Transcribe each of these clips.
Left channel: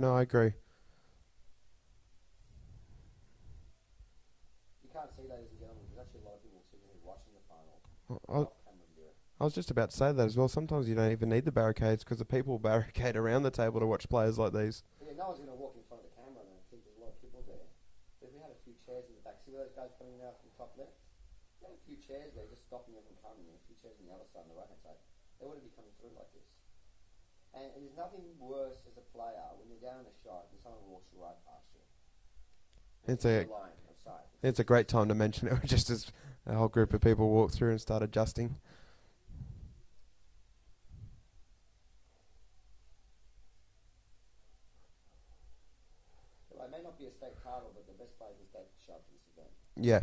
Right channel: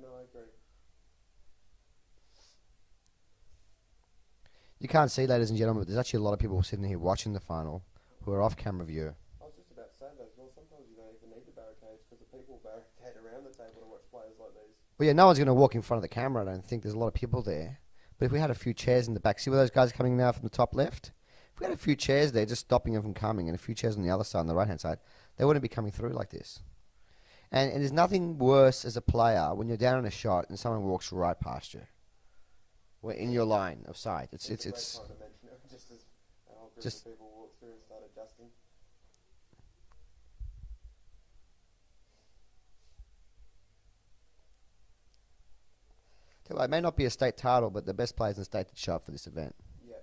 No, I agree. You can't see, ladies and gentlemen, but there's actually a lot of people sitting here watching the final who are off camera view. I was just about to say that as well. Sometimes you don't even need the barricades because the people barricade around the table to watch players like these. Well, yeah, no one's going to walk in front of the camera. I don't think there's a lot of people there. But if we had a few chairs in the back, see where those guys are coming now from the top left? If we had a few chairs there just stopping them from coming and a few chairs on the other side, on the right-hand side, they wouldn't be coming through like this. And there's nothing worse as a player when you're down on a shot and someone walks right past you. In your line of sight. It's a great time to mention it, just as a whole group of people walk through and start adjusting. It may not be a state title, but the best players in the state did show up for this event. Yeah,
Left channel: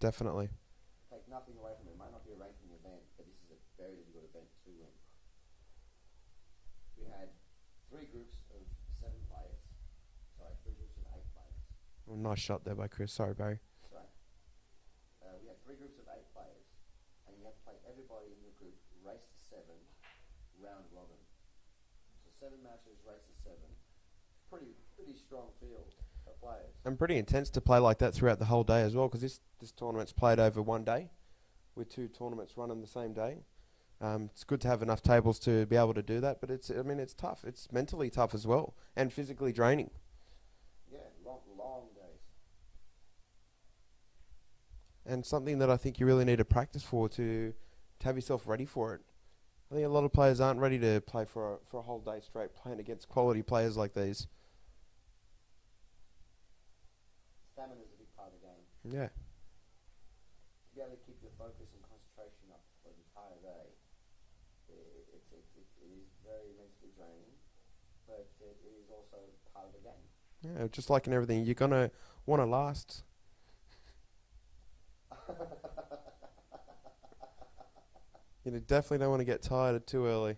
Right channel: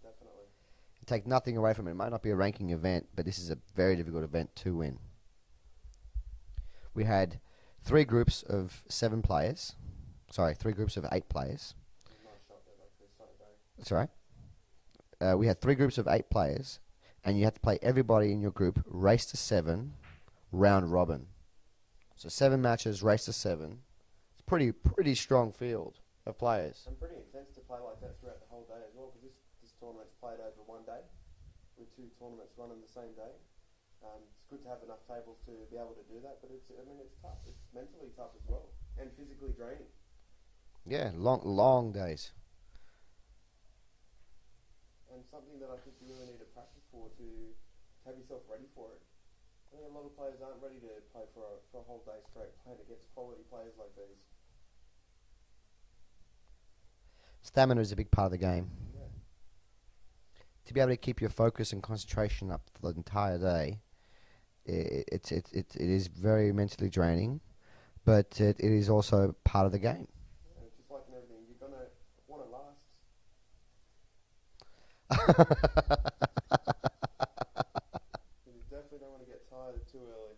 definitely. Take nothing away from it. It might not be a ranking event, but this is a very difficult event to win. We had 3 groups of 7 players. Sorry, 3 groups of 8 players. Oh, nice shot there by Chris. Sorry, Barry. That's all right. We had 3 groups of 8 players, and you had to play everybody in your group race to 7, round robin. So 7 matches, race to 7. It's pretty strong field of players. And pretty intense to play like that throughout the whole day as well, because this tournament's played over one day, with 2 tournaments running the same day. It's good to have enough tables to be able to do that, but it's tough. It's mentally tough as well, and physically draining. Yeah, long days. And something that I think you really need to practice for to have yourself ready for it. I think a lot of players aren't ready to play for a whole day straight playing against quality players like these. Stamina is a big part of the game. Yeah. To be able to keep your focus and concentration up for the entire day, it is very mentally draining, but it is also part of the game. Yeah, just like in everything, you're gonna want to last. You definitely don't want to get tired too early.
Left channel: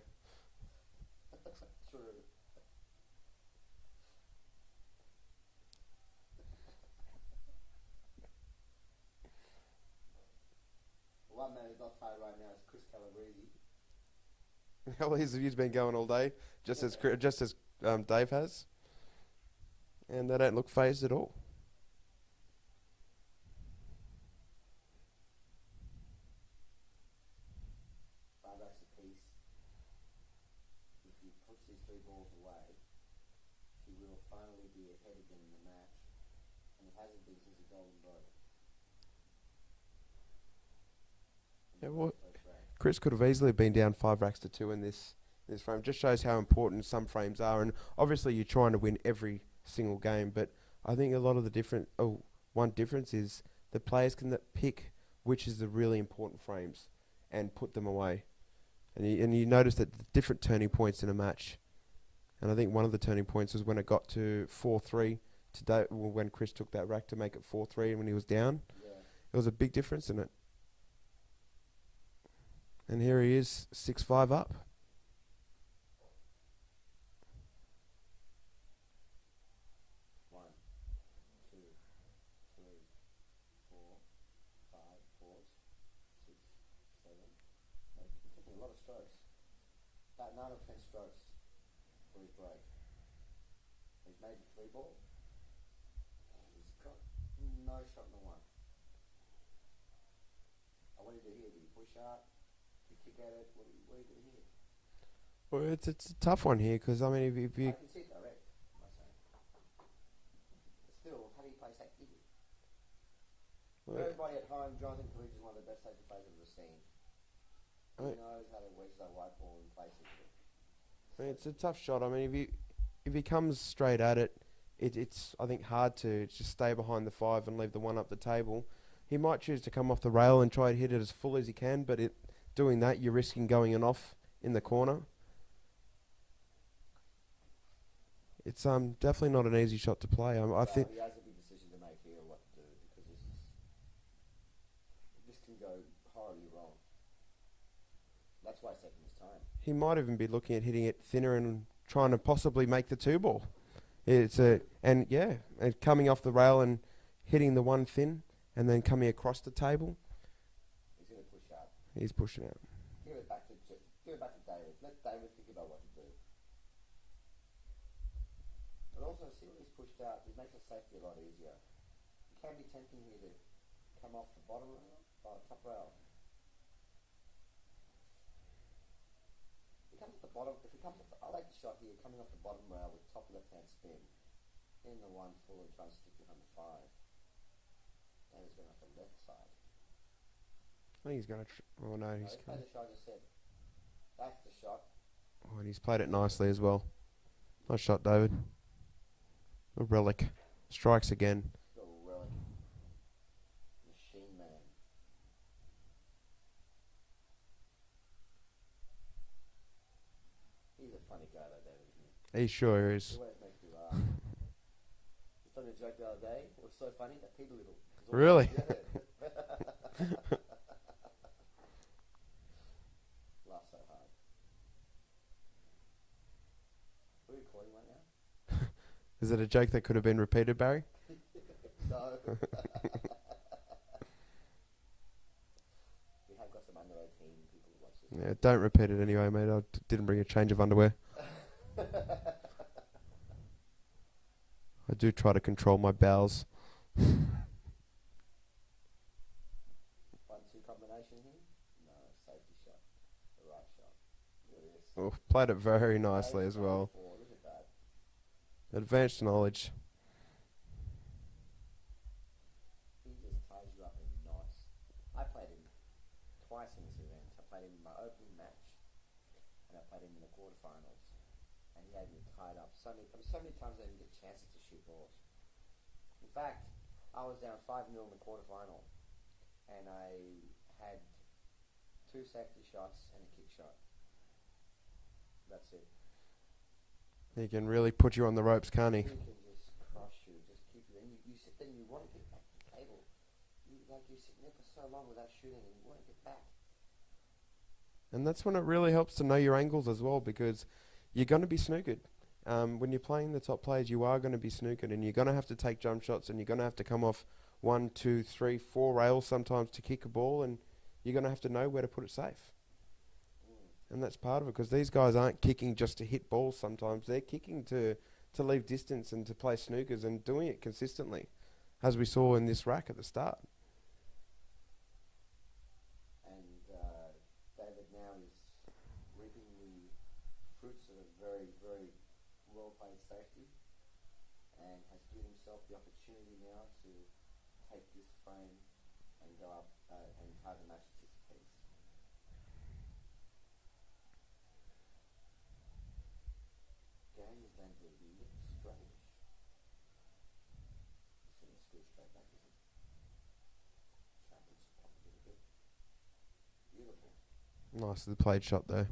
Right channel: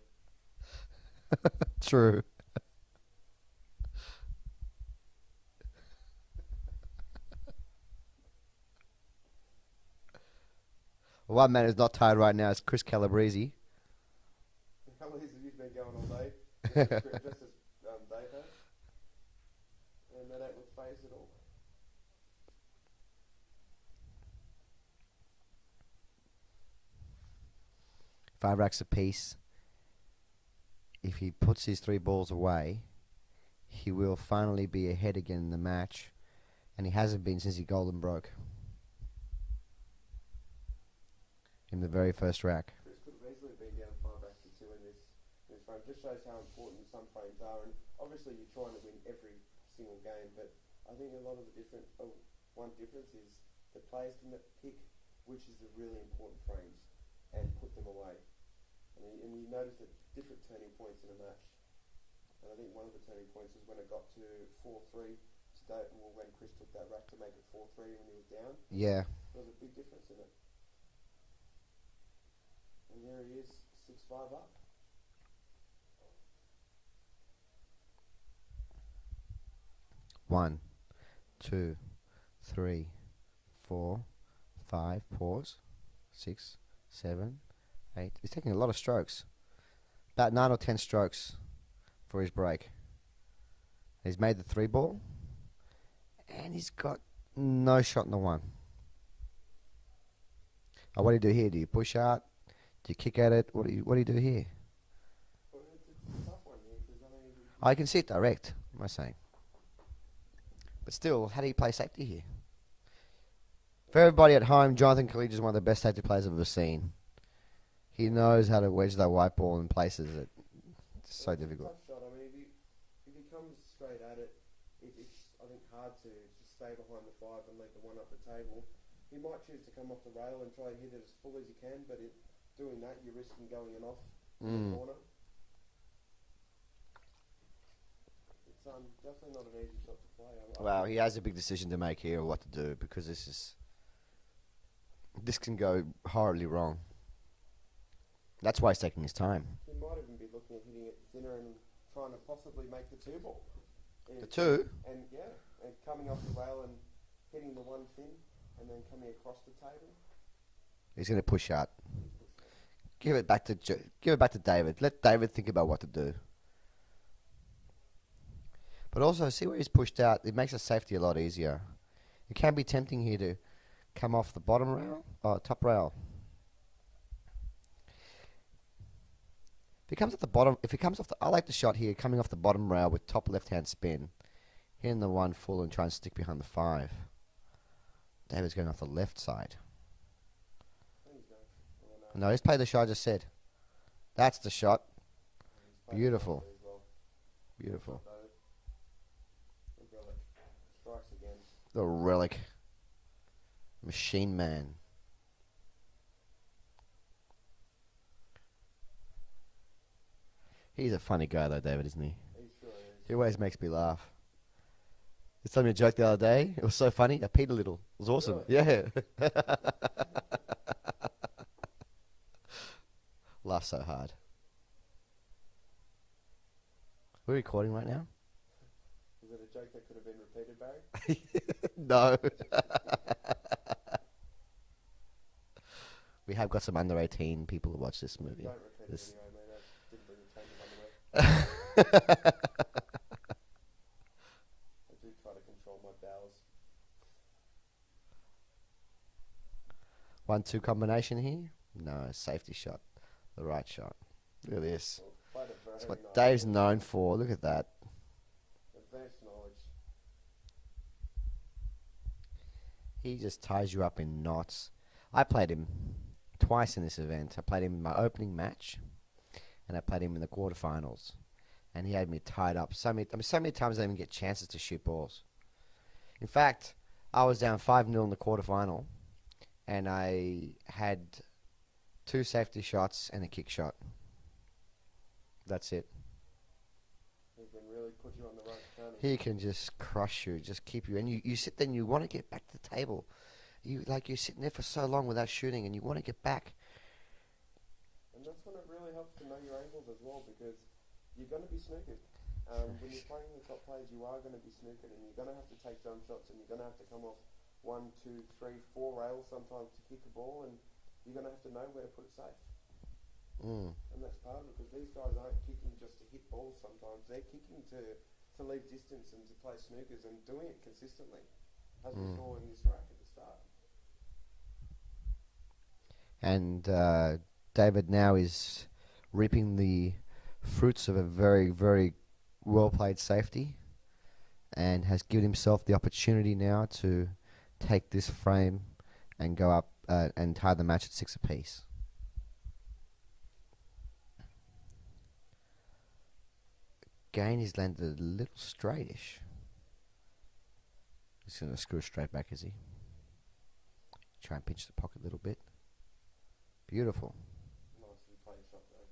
True. One man who's not tired right now is Chris Calebrese. Well, he's been going all day, just as Dave has, and they don't look phased at all. Five racks apiece. If he puts his 3 balls away, he will finally be ahead again in the match, and he hasn't been since he golden broke in the very first rack. Chris could have easily been down 5 racks to 2 in this frame. Just shows how important some frames are, and obviously you're trying to win every single game, but I think a lot of the one difference is the players can pick which is the really important frames and put them away. And you notice that different turning points in a match. And I think one of the turning points was when it got to 4-3 when Chris took that rack to make it 4-3 and when he was down. Yeah. There was a big difference in it. And here he is, 6-5 up. One, 2, 3, 4, 5, pause, 6, 7, 8. He's taking a lot of strokes. About 9 or 10 strokes for his break. He's made the 3 ball, and he's got no shot in the 1. Oh, what do you do here? Do you push out? Do you kick at it? What do you do here? Well, it's a tough one here because I mean, if you I can see it direct. Am I saying? But still, how do you play safety here? For everybody at home, Jonathan Khalid is one of the best safety players I've ever seen. He knows how to wedge that white ball in places that it's so difficult. It's a tough shot. I mean, if he comes straight at it, it's I think hard to just stay behind the 5 and leave the 1 up the table. He might choose to come off the rail and try to hit it as full as he can, but doing that, you're risking going and off in the corner. It's definitely not an easy shot to play. I think he has a big decision to make here, what to do, because this can go horribly wrong. That's why he's taking his time. He might even be looking at hitting it thinner and trying to possibly make the 2 ball. And coming off the rail and hitting the 1 thin, and then coming across the table. He's going to push out. He's pushing out. Give it back to David. Let David think about what to do. But also, see where he's pushed out. It makes the safety a lot easier. It can be tempting here to come off the bottom rail, top rail. If he comes off the bottom, I like the shot here, coming off the bottom rail with top left-hand spin, hitting the 1 full and trying to stick behind the 5. David's going off the left side. I think he's going to. Oh no. No, he's played the shot I just said. That's the shot. Oh, and he's played Beautiful. it nicely as well. Beautiful. Nice shot, David. The Reljic strikes again. The Reljic. Machine Man. He's a funny guy though, David, isn't he? He sure is. He always makes me laugh. He told me a joke the other day. It was so funny. I peed a little. It was awesome. Really? Yeah. Laugh so hard. We're recording right now? Is it a joke that could have been repeated, Barry? No. We have got some under 18 people who watch this Yeah, movie. don't repeat it anyway, mate. I didn't bring a change of underwear. I do try to control my bowels. 1-2 combination here? No, safety shot. The right shot. Look at this. Oh, played it very nicely. Dave's as known well. for. Look at that. Advanced knowledge. He just ties you up in knots. I played him twice in this event. I played him in my opening match, and I played him in the quarterfinals. And he had me tied up so many times I didn't even get chances to shoot balls. In fact, I was down 5-0 in the quarterfinal, and I had 2 safety shots and a kick shot. That's it. He can really put you on the ropes, can't he? He can just crush you, just keep you. And you sit there and you want to get back to the table. You're sitting there for so long without shooting, and you want to get back. And that's when it really helps to know your angles as well, because you're going to be snookered. When you're playing the top players, you are going to be snookered, and you're going to have to take jump shots, and you're going to have to come off 1, 2, 3, 4 rails sometimes to kick a ball, and you're going to have to know where to put it safe. And that's part of it, because these guys aren't kicking just to hit balls sometimes. They're kicking to leave distance and to play snookers, and doing it consistently, as we saw in this rack at the start. And David now is reaping the fruits of a very, very well-played safety, and has given himself the opportunity now to take this frame and go up and tie the match at 6 apiece. Again, he's landed a little straightish. He's going to screw straight back, is he? Try and pinch the pocket a little bit. Beautiful. Nicely played shot though.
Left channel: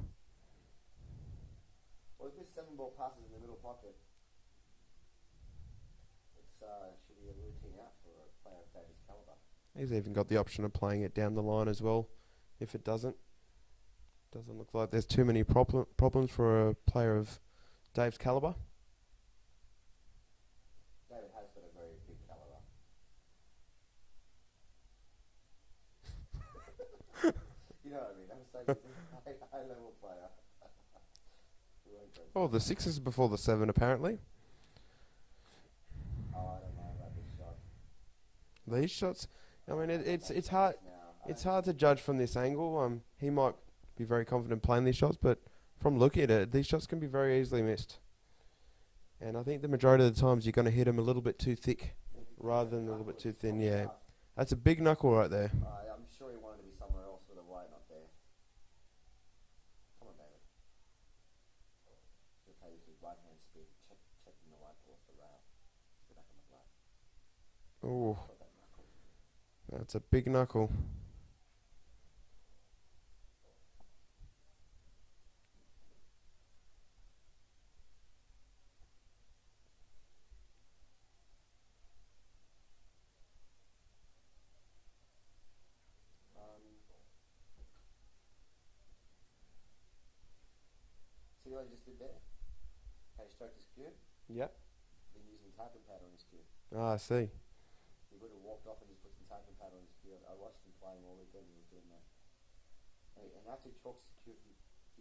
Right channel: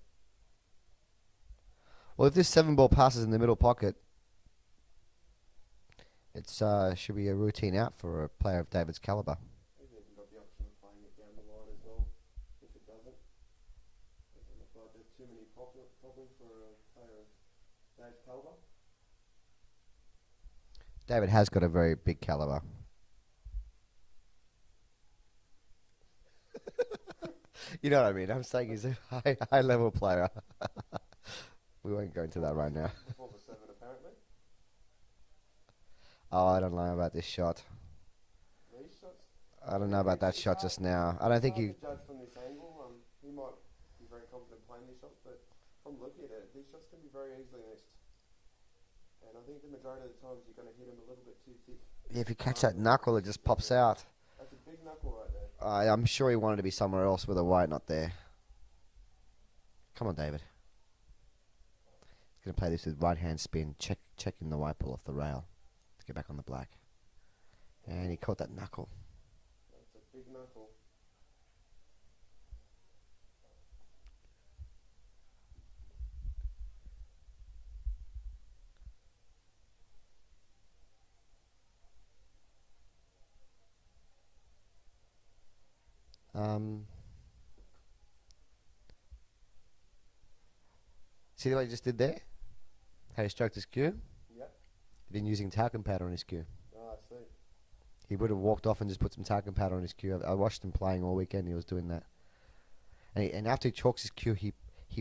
Well, if this 7-ball passes in the middle pocket, it's should be a routine out for a player of David's caliber. He's even got the option of playing it down the line as well, if it doesn't. Doesn't look like there's too many problems for a player of Dave's caliber. David has got a very big caliber. You know what I mean? I'm saying he's a high level player. We won't go into that the right 6 before the 7 apparently. Oh, I don't know about this shot. These shots. I don't know about that shot just now. I don't think it's hard to judge from this angle. He might be very confident playing these shots, but from looking at it, these shots can be very easily missed. And I think the majority of the times you're going to hit them a little bit too thick. Yeah, if you catch that knuckle, it just pops out. That's a big knuckle right there. I'm sure he wanted to be somewhere else with a white, not there. Come on, David. He's going to play this with right-hand spin, checking the white ball off the rail to get back on the black. And he caught that knuckle. That's a big knuckle. See what he just did there? How he stroked his cue? Yep. He didn't use talcum powder on his cue. Ah, I see. He would have walked off and just put some talcum powder on his cue. I watched him playing all weekend. He was doing that. And after he chalks his cue, he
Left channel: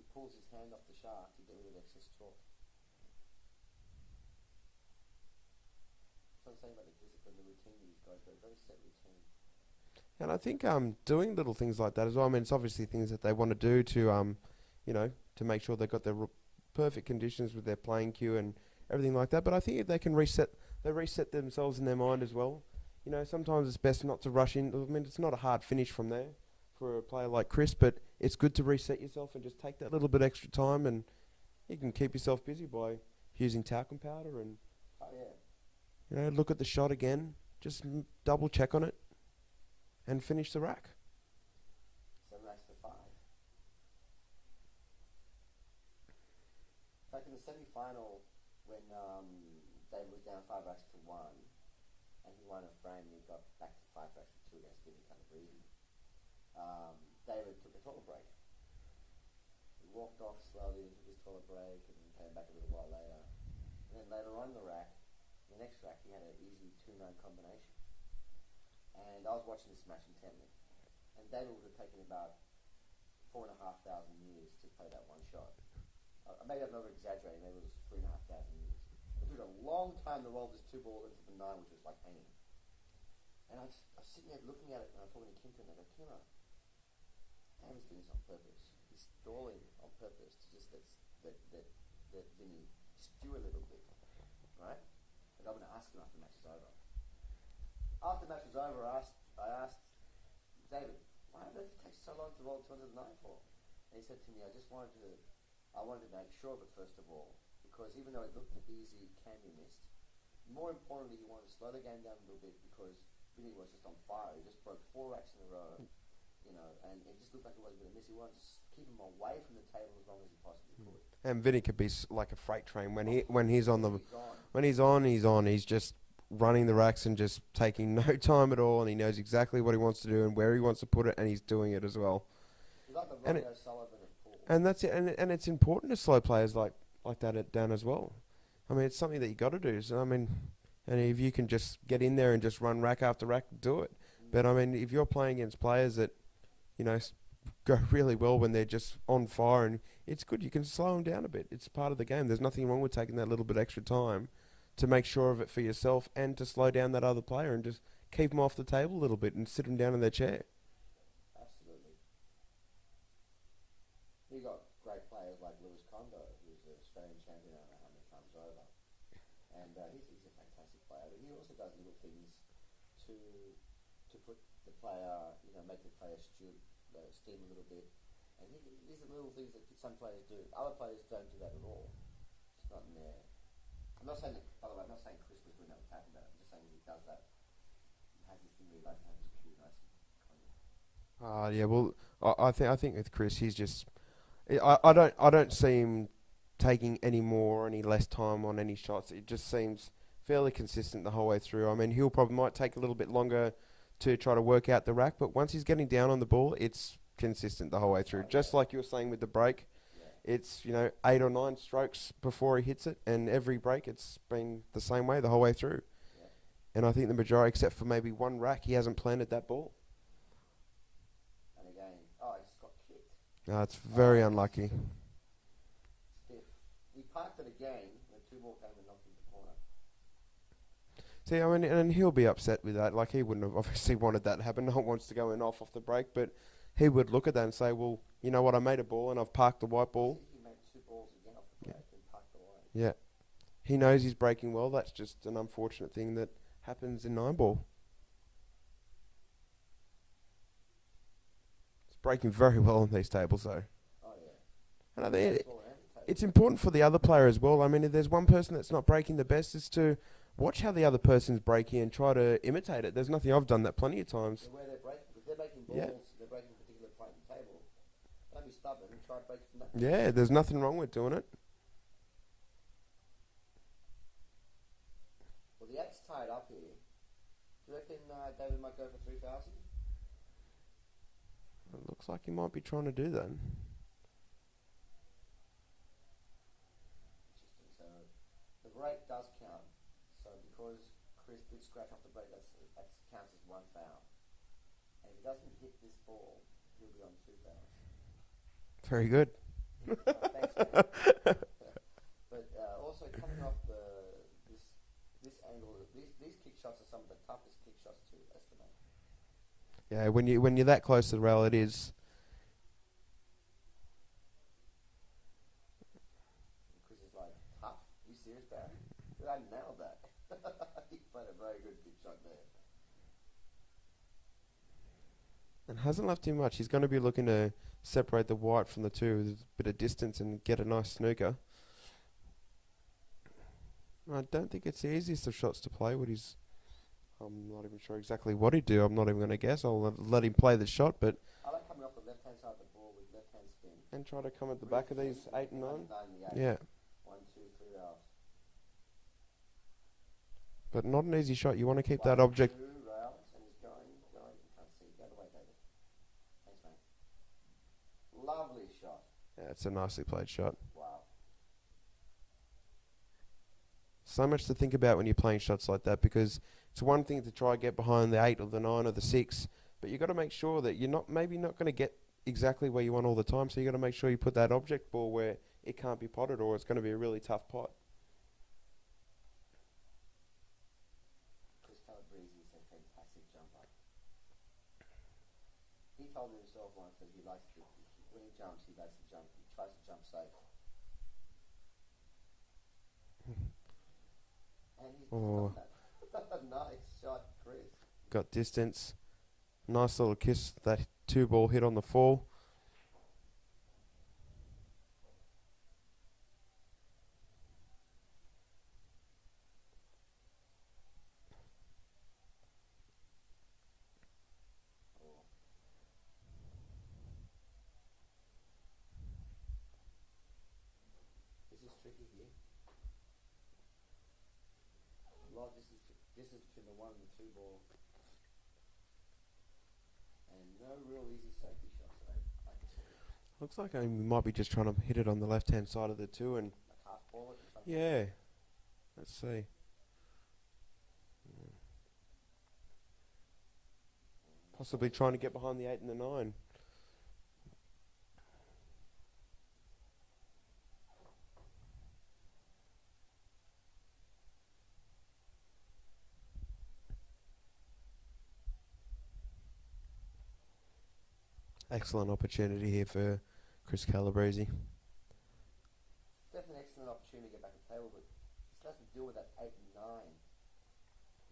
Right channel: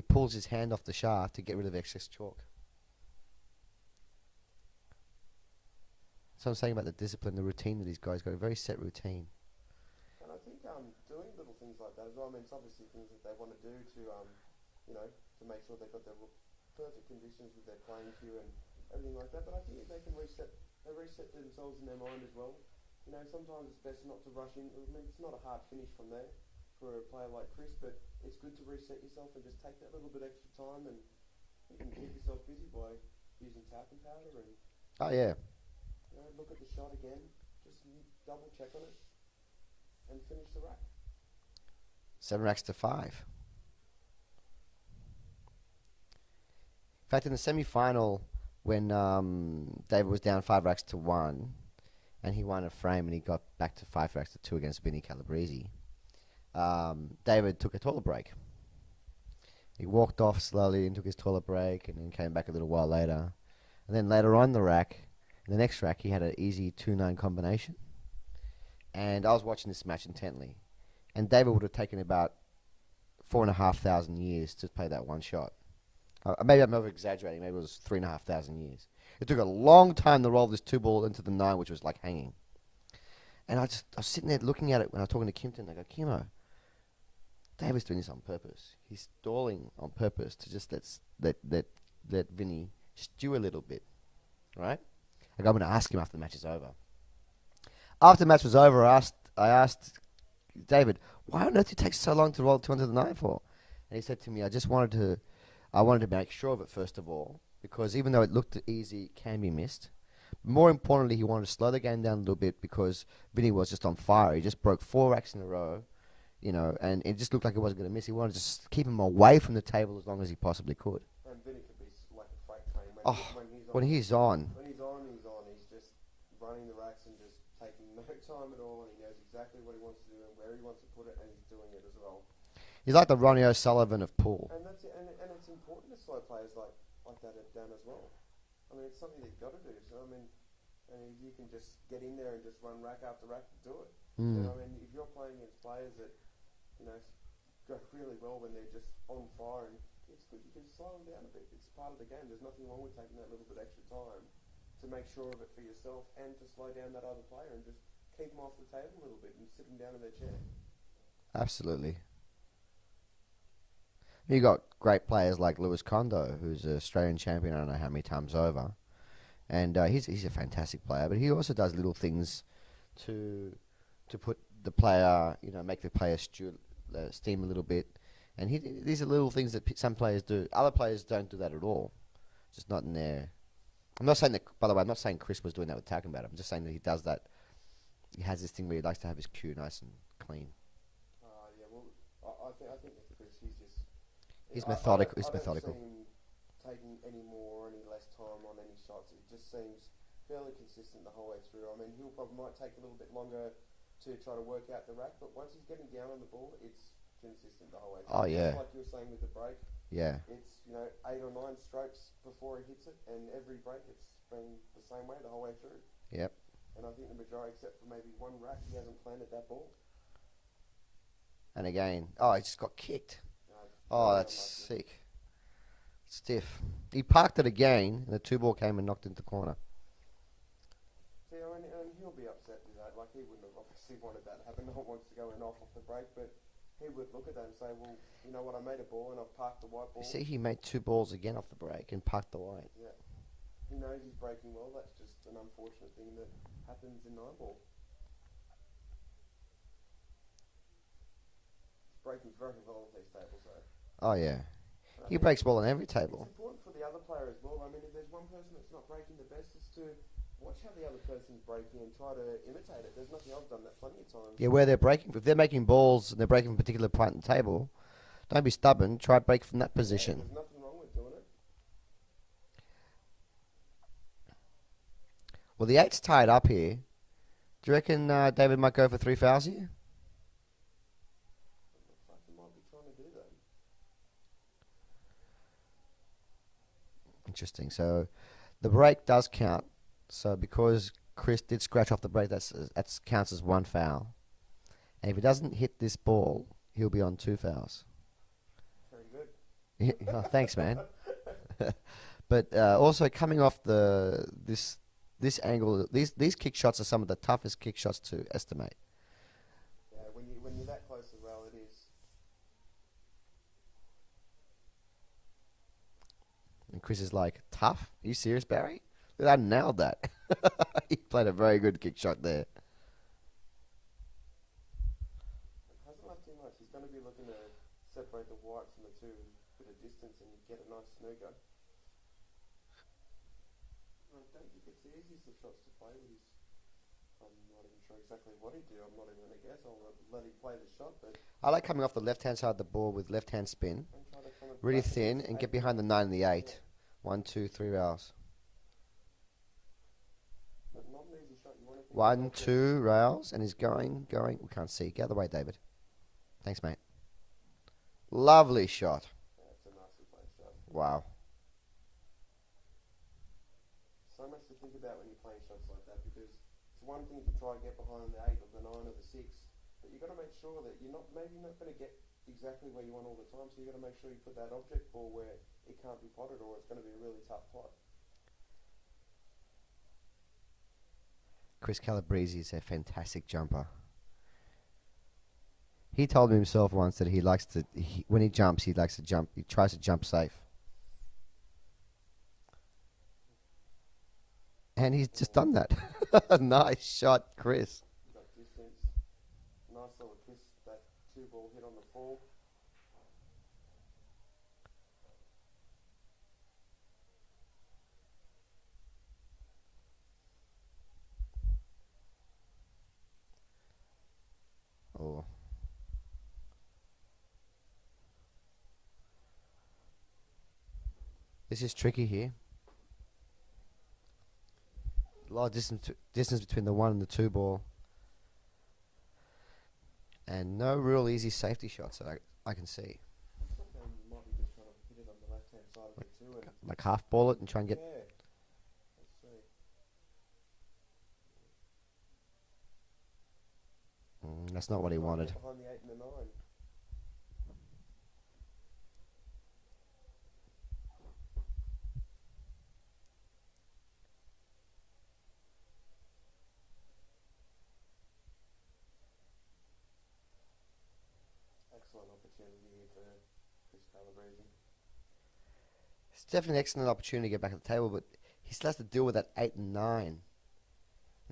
pulls his hand off the shaft to get rid of excess chalk. That's what I'm saying about the discipline, the routine that these guys got. A very set routine. And I think doing little things like that as well. I mean, it's obviously things that they want to do to to make sure they've got their perfect conditions with their playing cue and everything like that. But I think if they can reset themselves in their mind as well. You know, sometimes it's best not to rush in. I mean, it's not a hard finish from there for a player like Chris, but it's good to reset yourself and just take that little bit extra time, and you can keep yourself busy by using talcum powder and Oh yeah. look at the shot again, just double check on it, and finish the rack. 7 racks to 5. In fact, in the semi-final, when David was down 5 racks to 1, and he won a frame, and he got back to 5 racks to 2 against Vinny Calebrese, David took a toilet break. He walked off slowly and took his toilet break, and then came back a little while later. And then later on the rack, in the next rack, he had an easy 2-9 combination. And I was watching this match intently. And David would have taken about 4,500 years to play that one shot. Maybe I'm over-exaggerating. Maybe it was 3,500 years. It took a long time to roll this 2-ball into the 9, which was like hanging. And I was sitting there looking at it when I was talking to Kimpton. I go, Kimmo, David's doing this on purpose. He's stalling on purpose to just let Vinny stew a little bit, right? I go, I'm going to ask him after the match is over. After the match was over, I asked David, why on earth did it take so long to roll 2 into the 9 for? And he said to me, I wanted to make sure of it first of all, because even though it looked easy, it can be missed. More importantly, he wanted to slow the game down a little bit because Vinny was just on fire. He just broke 4 racks in a row, and it just looked like he wasn't going to miss. He wanted to just keep him away from the table as long as he possibly could. And Vinny could be like a freight train when he's on. He's just running the racks and just taking no time at all, and he knows exactly what he wants to do and where he wants to put it, and he's doing it as well. He's like the Ronnie O'Sullivan of pool. And that's it. And it's important to slow players like that down as well. I mean, it's something that you got to do. So I mean, and if you can just get in there and just run rack after rack, do it. But I mean, if you're playing against players that go really well when they're just on fire, and it's good, you can slow them down a bit. It's part of the game. There's nothing wrong with taking that little bit extra time to make sure of it for yourself and to slow down that other player and just keep them off the table a little bit and sit them down in their chair. Absolutely. You got great players like Lewis Kondo, who's an Australian champion I don't know how many times over, and he's a fantastic player. But he also does little things to put the player, make the player steam a little bit. And these are little things that some players do. Other players don't do that at all. Just not in there. I'm not saying that. By the way, I'm not saying Chris was doing that with talking about it. I'm just saying that he does that. He has this thing where he likes to have his cue nice and clean. Yeah. Well, I think with Chris, he's just. He's I don't see him taking any more or any less time on any shots. It just seems fairly consistent the whole way through. I mean, he'll probably might take a little bit longer to try to work out the rack, but once he's getting down on the ball, it's consistent the whole way through. Just like you were saying with the break. Yeah. It's 8 or 9 strokes before he hits it, and every break it's been the same way the whole way through. Yep. And I think the majority, except for maybe one rack, he hasn't planted that ball. And again, he just got kicked. No, it's very unlucky. Sick. Stiff. He parked it again, and the 2-ball came and knocked into the corner. See, I mean, and he'll be upset with that. Like, he wouldn't have obviously wanted that to happen. No one wants to go in off the break, but he would look at that and say, well, you know what, I made a ball and I've parked the white ball. See, he made 2 balls again off the break and parked the white. Yeah. He knows he's breaking well. That's just an unfortunate thing that happens in 9-ball. It's breaking very well on these tables, though. Oh, yeah. He breaks well on every table. It's important for the other player as well. I mean, if there's one person that's not breaking the best, is to watch how the other person's breaking and try to imitate it. There's nothing. I've done that plenty of times. Yeah, where they're breaking. If they're making balls and they're breaking from a particular point in the table, don't be stubborn. Try to break from that position. Yeah, there's nothing wrong with doing it. Well, the 8's tied up here. Do you reckon David might go for 3 fouls here? It looks like he might be trying to do that. Interesting. So the break does count. So because Chris did scratch off the break, that counts as 1 foul. And if he doesn't hit this ball, he'll be on 2 fouls. Very good. Thanks, man. But also coming off this this angle, these kick shots are some of the toughest kick shots to estimate. Yeah, when you're that close to the rail, it is. And Chris is like, tough? Are you serious, Barry? I nailed that. He played a very good kick shot there. And hasn't left him much. He's going to be looking to separate the white from the two with a bit of distance and get a nice snooker. I don't think it's the easiest of shots to play. I'm not even sure exactly what he'd do. I'm not even going to guess. I'll let him play the shot, but I like coming off the left-hand side of the ball with left-hand spin. and try to come at the Really back of thin these and 8 get behind the 9 and the 8. Yeah. 1, 2, 3 rails. But not an easy shot. You want to keep 1, that object. 2 rails, and he's going. We can't see. Get out of the way, David. Thanks, mate. Lovely shot. Yeah, it's a nicely played shot. Wow. So much to think about when you're playing shots like that, because it's one thing to try and get behind the 8 or the 9 or the 6, but you've got to make sure that you're maybe not going to get exactly where you want all the time, so you've got to make sure you put that object ball where it can't be potted, or it's going to be a really tough pot. Chris Calebrese is a fantastic jumper. He told me himself once that he likes to, when he jumps, he likes to jump. He tries to jump safe. And he's just done that. Nice shot, Chris. Got distance. Nice little kiss. That 2-ball hit on the fall. Oh. This is tricky here. A lot of distance between the 1 and the 2 ball. And no real easy safety shots that I can see. Looks like we might be just trying to hit it on the left-hand side of the 2 and... Like half ball it and try and get... Yeah. Let's see. That's So not we're what he trying wanted. to get behind the 8 and the 9. Excellent opportunity here for Chris Calebrese. It's definitely an excellent opportunity to get back at the table, but he still has to deal with that 8 and 9. And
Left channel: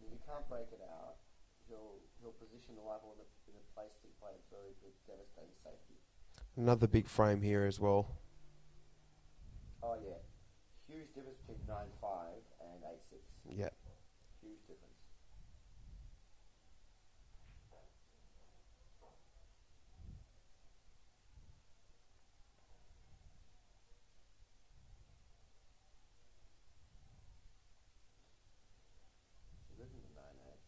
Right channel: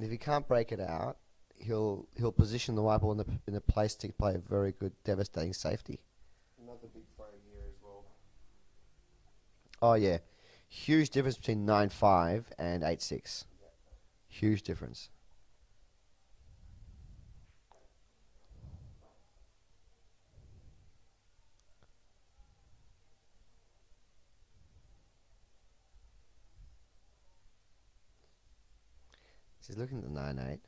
if he can't break it out, he'll position the white ball in a place to play a very good, devastating safety. Another big frame here as well. Oh yeah, huge difference between 9-5 and 8-6. Yeah. Huge difference. He's looking at the 9-8.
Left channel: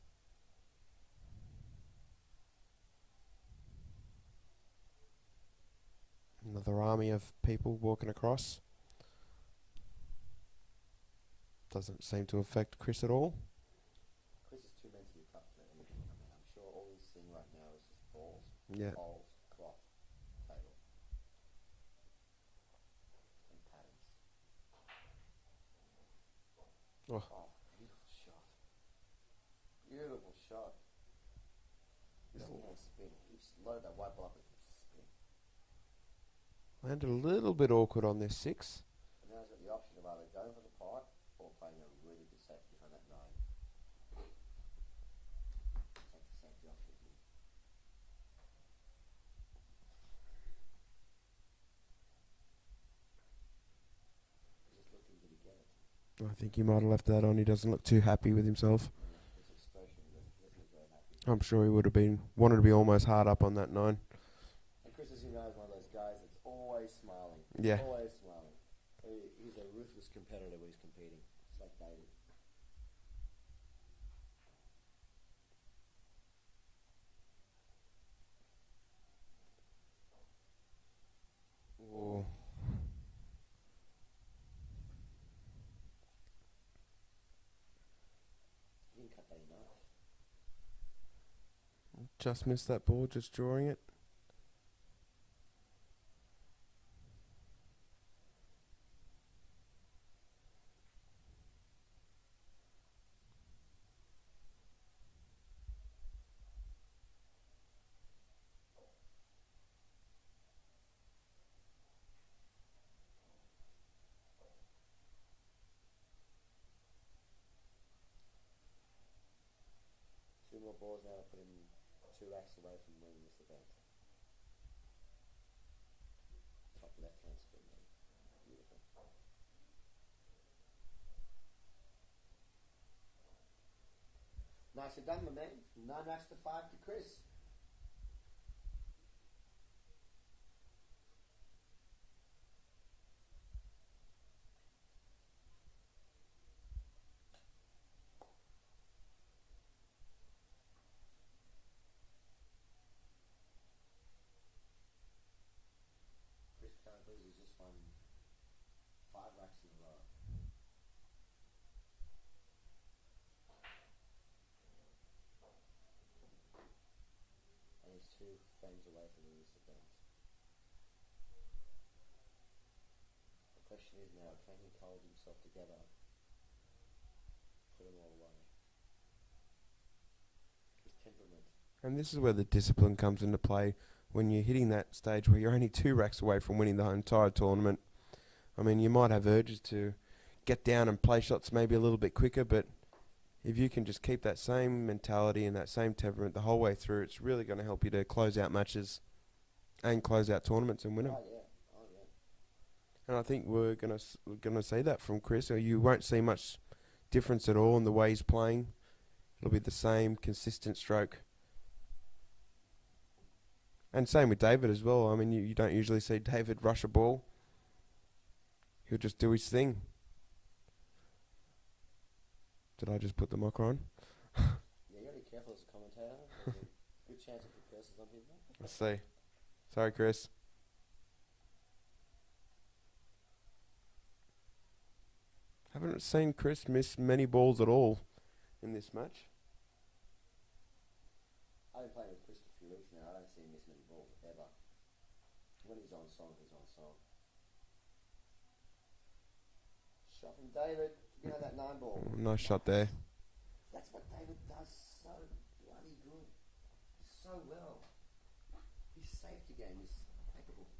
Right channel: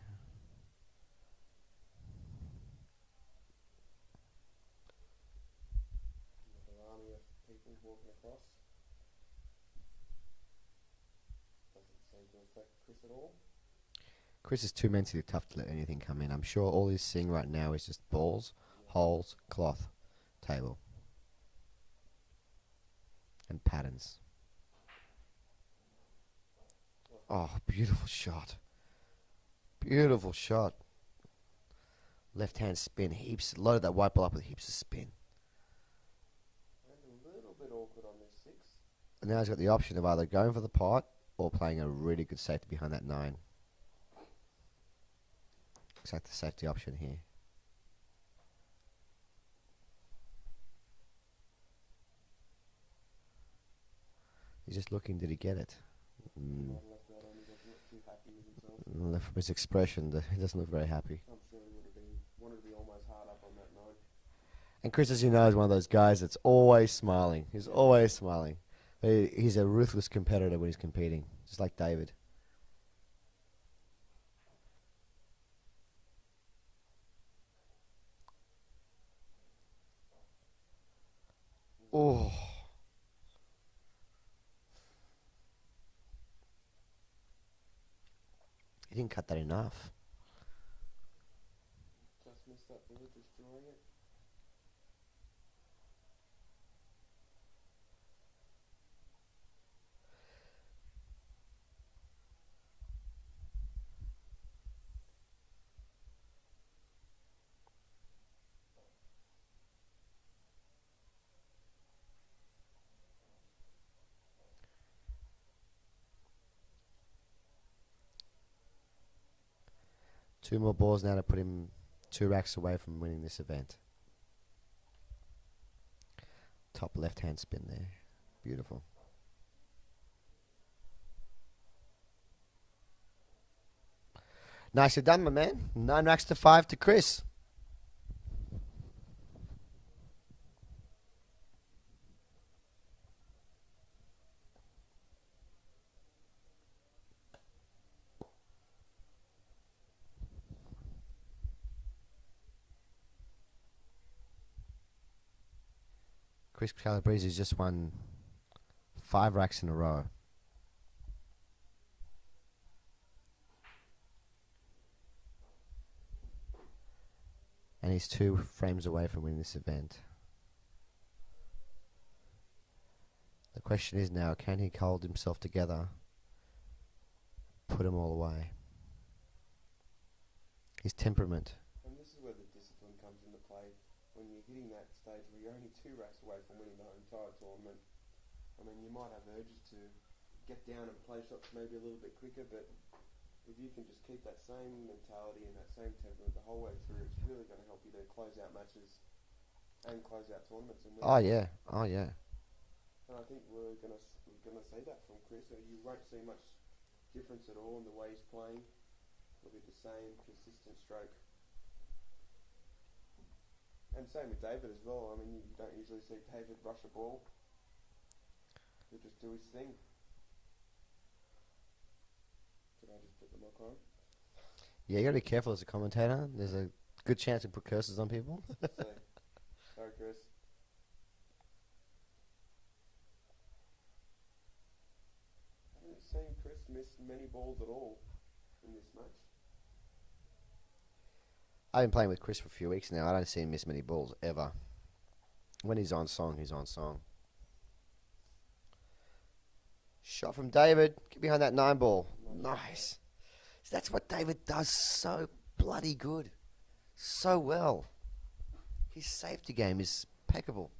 Another army of people walking across. Doesn't seem to affect Chris at all. Chris is too mentally tough to let anything come in. I'm sure all he's seeing right now is just balls, Yeah. holes, cloth, table, and patterns. Oh, beautiful shot. Beautiful shot. Left hand spin, heaps. Loaded that white ball up with heaps of spin. Landed a little bit awkward on this 6. And now he's got the option of either going for the pot or playing a really good safety behind that 9. Looks like the safety option here. He's just looking, did he get it? I think he might have left that on. He doesn't look too happy with himself. From his expression, he doesn't look very happy. I'm sure he would have wanted to be almost hard up on that 9. And Chris, as you know, is one of those guys that's always smiling. He's Yeah. always smiling. But he's a ruthless competitor when he's competing, just like David. Oh. He didn't cut that enough. Just missed that ball, just drawing it. 2 more balls now to put him 2 racks away from winning this event. Top left-hand spin there. Beautiful. Nicely done, my man. 9 racks to 5 to Chris. Chris Calebrese has just won 5 racks in a row. And he's 2 frames away from winning this event. The question is now, can he hold himself together, put them all away? His temperament. And this is where the discipline comes into play when you're hitting that stage where you're only 2 racks away from winning the entire tournament. I mean, you might have urges to get down and play shots maybe a little bit quicker, but if you can just keep that same mentality and that same temperament the whole way through, it's really going to help you to close out matches and close out tournaments and win. Oh yeah, oh yeah. And I think we're gonna see that from Chris. Or you won't see much difference at all in the way he's playing. It'll be the same consistent stroke. And same with David as well. I mean, you don't usually see David rush a ball. He'll just do his thing. Did I just put the mic on? Yeah, you gotta be careful as a commentator. There's a good chance to put curses on people. Let's see. Sorry, Chris. Haven't seen Chris miss many balls at all in this match. I've been playing with Chris for a few weeks now. I don't see him miss many balls ever. When he's on song, he's on song. Shot from David. Get behind that 9 ball. Nice shot there. So that's what David does so bloody good. So well. His safety game is impeccable.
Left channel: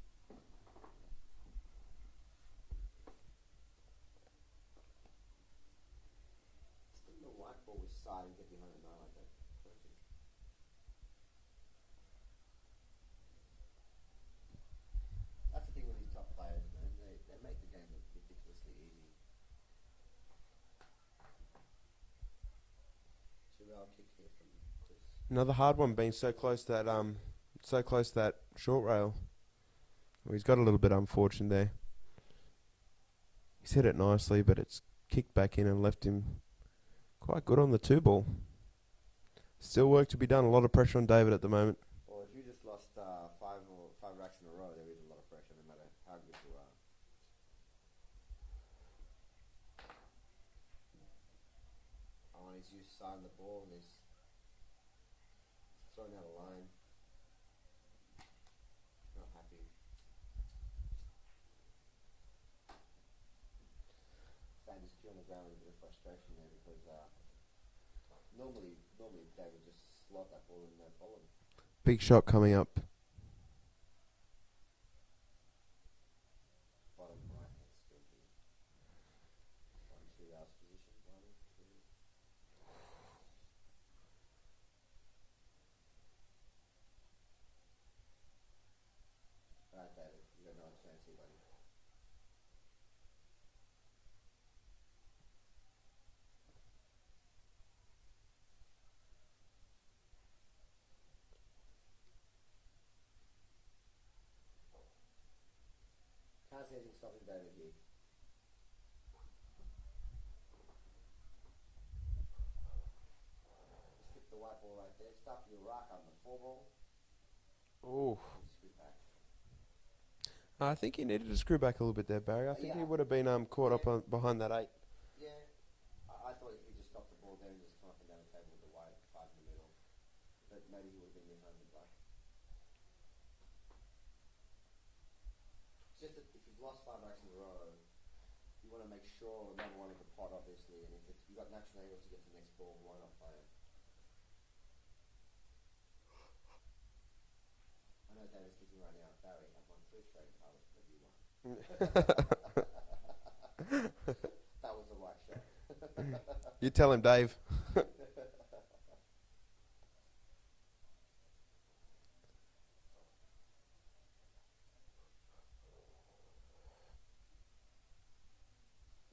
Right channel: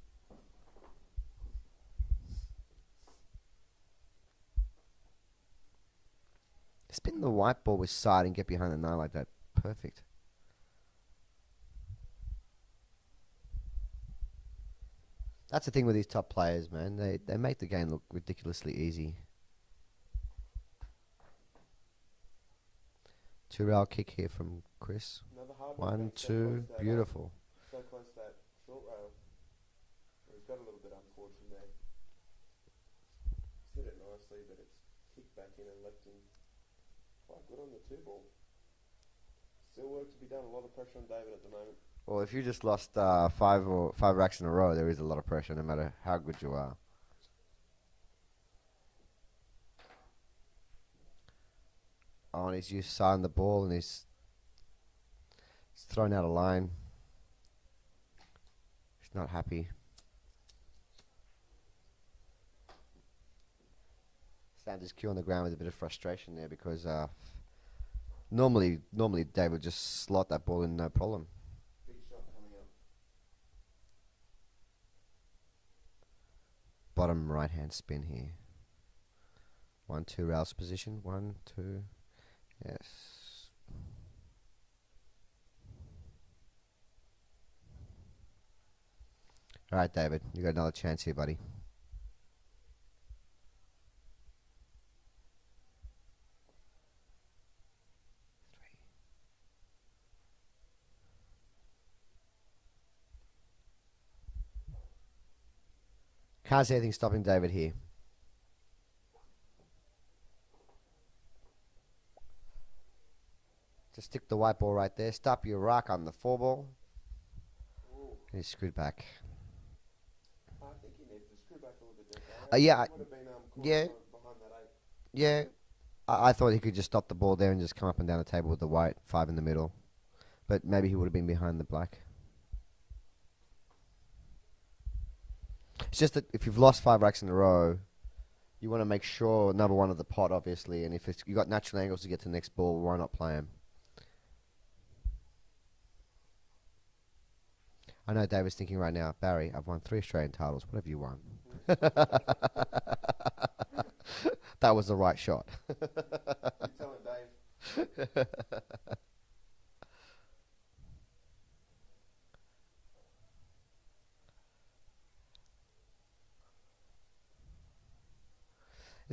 Spin the white ball with side and get behind the 9 like that. Perfect. That's the thing with these top players, man. They make the game look ridiculously easy. 2-rail kick here from Chris. Another hard one, being so close that beautiful. So close that short rail. Well, he's got a little bit unfortunate there. He's hit it nicely, but it's kicked back in and left him quite good on the 2 ball. Still work to be done. A lot of pressure on David at the moment. Well, if you just lost 5 racks in a row, there is a lot of pressure, no matter how good you are. Oh, and he's used side on the ball, and he's thrown out a line. He's not happy. Slammed his cue on the ground with a bit of frustration there because normally Dave would just slot that ball in, no problem. Big shot coming up. Bottom right hand spin here. 1-2 rails position. 1, 2. Yes. All right, David, you got another chance here, buddy. Can't see anything stopping David here. Just stick the white ball right there. Stop your rock on the 4 ball. Oh, He's screwed back. I think he needed to screw back a little bit there, Barry. Yeah, he would have been caught yeah. up behind that 8. Yeah, I thought he could just stop the ball there and just come up and down the table with the white 5 in the middle. But maybe he would have been behind the black. It's just that if you've lost 5 racks in a row, you want to make sure number 1 of the pot, obviously. And if you got natural angles to get to the next ball, why not play him? I know David's thinking right now, Barry, I've won 3 Australian titles. What have you won? That was the right shot. You tell him, Dave.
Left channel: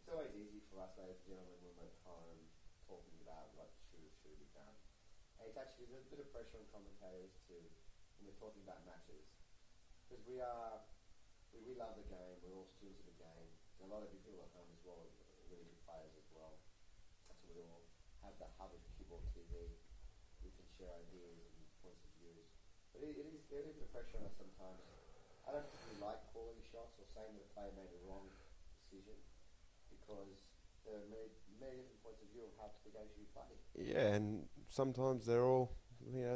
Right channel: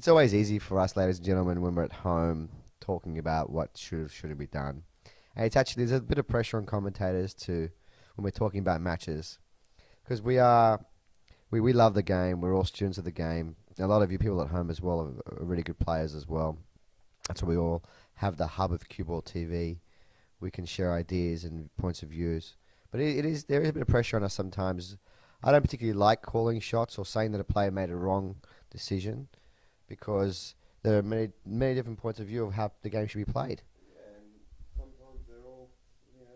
It's always easy for us, ladies and gentlemen, when we're at home talking about what shouldn't be done. And it's actually, there's a bit of pressure on commentators to, when we're talking about matches, because we love the game. We're all students of the game. A lot of you people at home as well are really good players as well. That's why we all have the hub of Cue Ball TV. We can share ideas and points of views. But there is a bit of pressure on us sometimes. I don't particularly like calling shots or saying that a player made a wrong decision, because there are many different points of view of how the game should be played. Yeah, and sometimes they're all,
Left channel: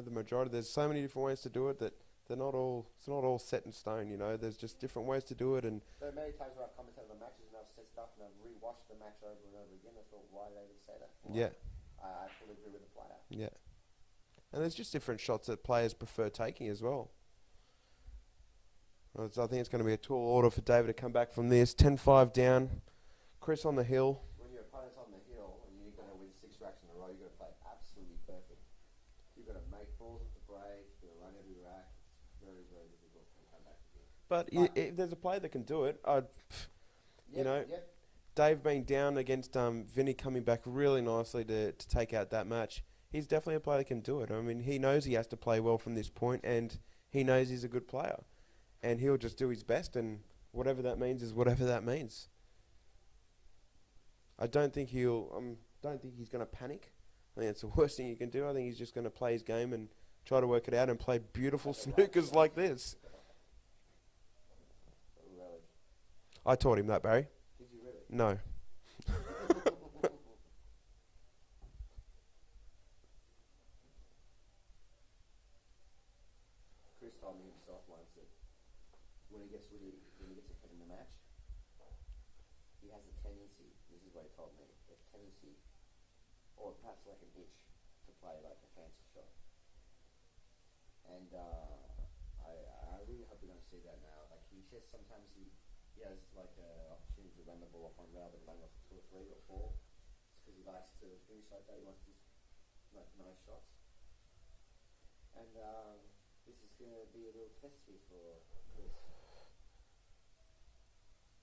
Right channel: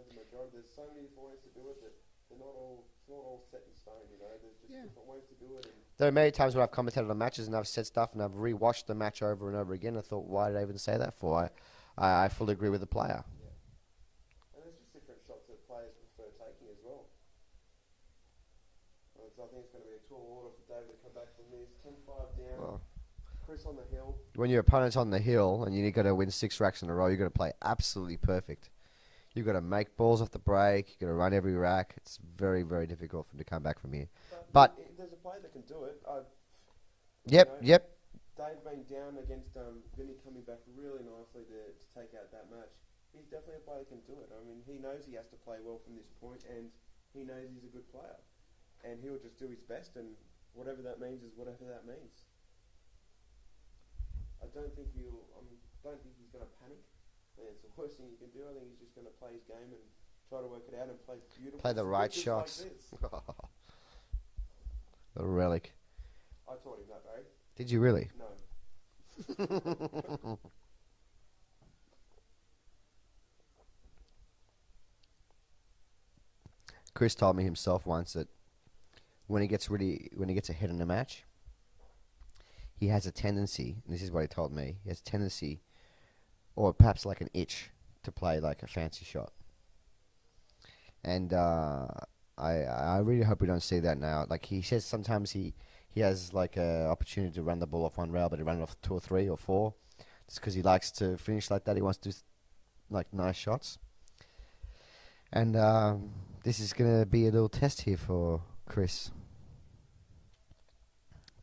the majority. There's so many different ways to do it that they're not all. It's not all set in stone. There's just different ways to do it. And there are many times where I've commentated on matches and I've said stuff and I've rewatched the match over and over again. I thought, why did I even say that for? Yeah. I fully agree with the player. Yeah. And there's just different shots that players prefer taking as well. I think it's going to be a tall order for David to come back from this. 10-5 down. Oh. Chris on the hill. When your opponent's on the hill and you've got to win 6 racks in a row, you've got to play absolutely perfect. You've got to make balls off the break. You've got to run every rack. It's very, very difficult for him to come back from here. But if there's a player that can do it, Yep. Dave being down against Vinny coming back really nicely to take out that match. He's definitely a player that can do it. I mean, he knows he has to play well from this point, and he knows he's a good player. And he'll just do his best, and whatever that means is whatever that means. I don't think he's going to panic. I think it's the worst thing you can do. I think he's just going to play his game and try to work it out and play beautiful snookers like this. The Reljic. I taught him that, Barry. Did you really? No. Chris told me himself once that when he gets ahead in a match, he has a tendency, and this is what he told me, he has a tendency, or perhaps like an itch, to play like a fancy shot. And I really hope we don't see that now. Like he says sometimes he has like a opportunity to run the ball off one rail, but he run it off 2 or 3 or 4, just because he likes to finish like that. He wants to do like nice shots. And this is going to be a little test here for Chris,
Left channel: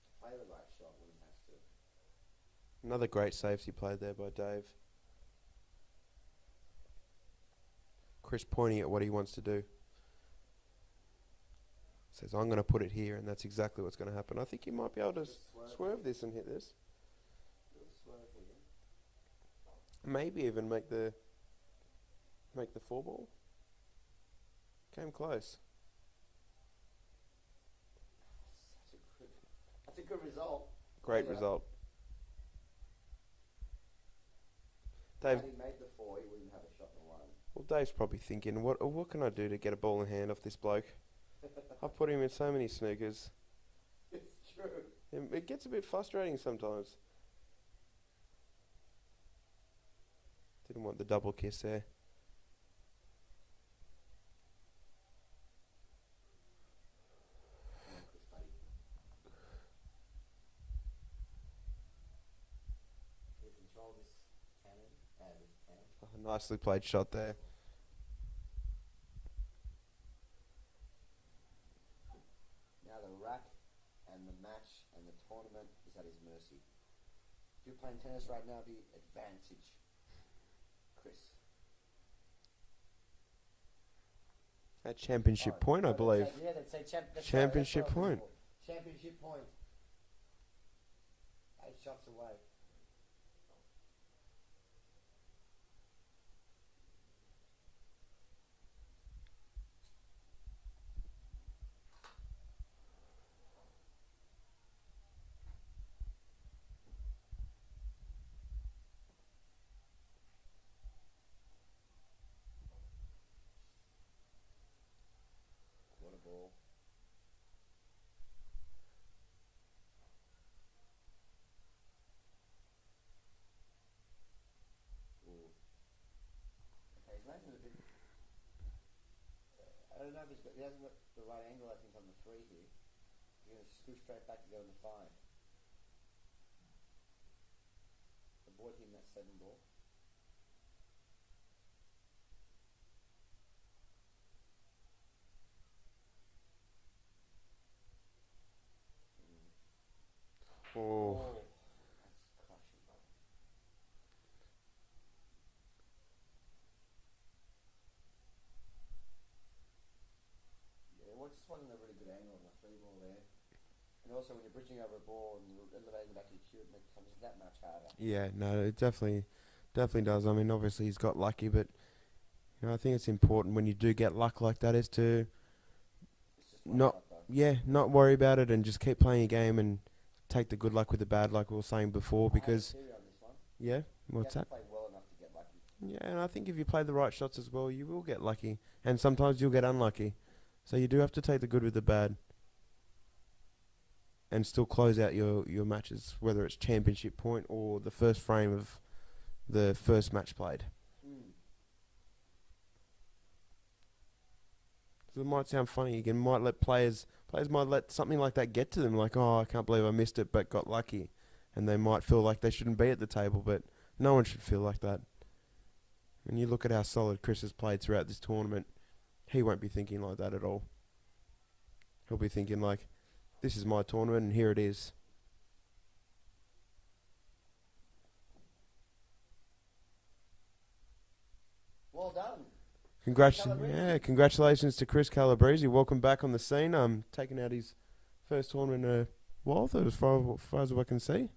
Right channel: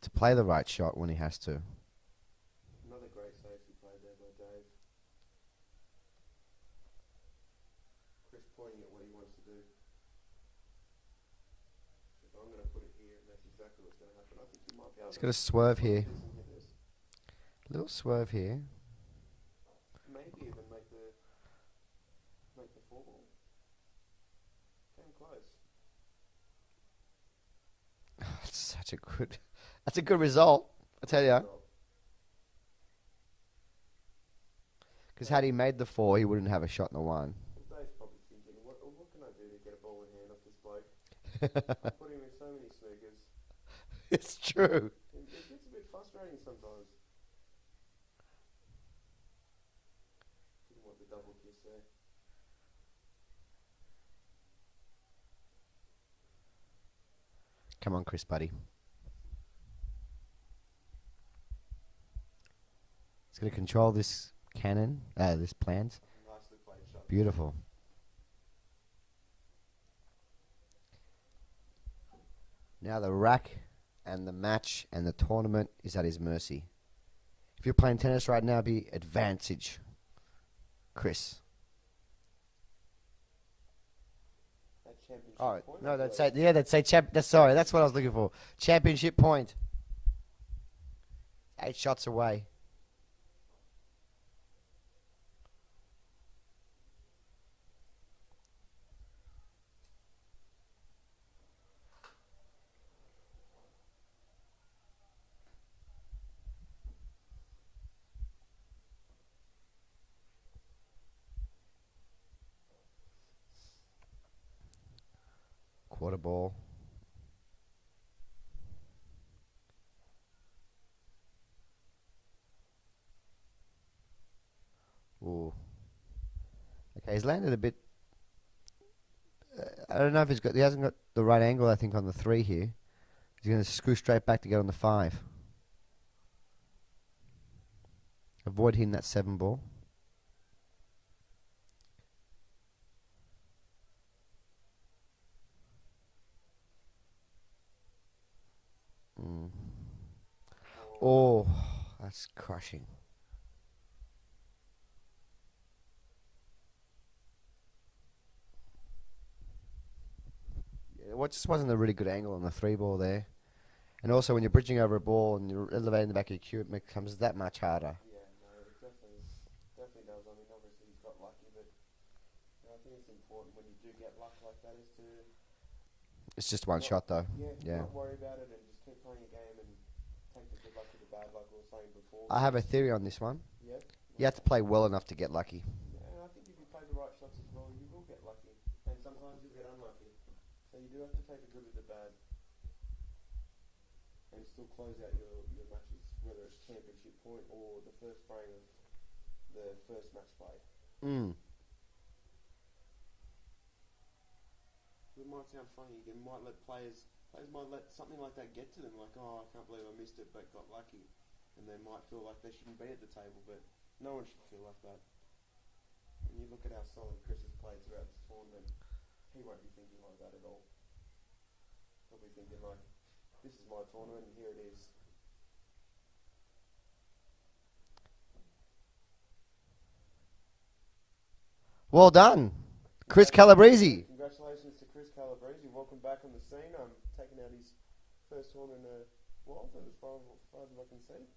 to play the right shot when he has to. Another great safety play there by Dave. Chris pointing at what he wants to do. Says, I'm going to put it here, and that's exactly what's going to happen. I think you might be able to swerve here. this and hit this. Little swerve here. Maybe even make the 4 ball. Came close. That's a good result, I tell you. Because had he made the 4, he wouldn't have a shot in the 1. Well, Dave's probably thinking, what can I do to get a ball in hand off this bloke? I put him in so many snookers. It's true. It gets a bit frustrating sometimes. Didn't want the double kiss there. Come on, Chris, buddy. He's going to control this cannon, this plant. Oh, nicely played shot. Beautiful. Now the rack and the match and the tournament is at his mercy. If you're playing tennis right now, be advantage, Chris. At championship point, I believe. That's what I was looking for. Championship point. 8 shots away. Quarter ball. Ooh. Okay, he's landed a bit. I don't know if he hasn't got the right angle, I think, on the 3 here. He's going to screw straight back to get on the 5. Avoid hitting that 7 ball. Oh, it's crushing. Yeah, what just wasn't a really good angle on the 3-ball there. And also when you're bridging over a ball and you're elevating the back of your cue, it becomes that much harder. Yeah, no, it definitely does. I mean, obviously he's got lucky, but I think it's important when you do get luck like that is to It's just one shot though. Yeah, not worry about it and just keep playing your game and take the good luck with the bad, like we were saying before. I have a theory on this one. Yeah, you have to play well enough to get lucky. Yeah, and I think if you play the right shots as well, you will get lucky, and sometimes you'll get unlucky. So you do have to take the good with the bad, and still close out your matches, whether it's championship point or the first frame of the first match played. So it might sound funny. You might let players might let something like that get to them, like, oh, I can't believe I missed it, but got lucky, and they might feel like they shouldn't be at the table. But no one should feel like that. When you look at how solid Chris has played throughout this tournament, he won't be thinking like that at all. He'll be thinking like, this is my tournament, and here it is. Well done, Chris Calebrese. Yeah, congratulations to Chris Calebrese. Welcome back on the scene. Taking out his first tournament in a while, as far as I can see.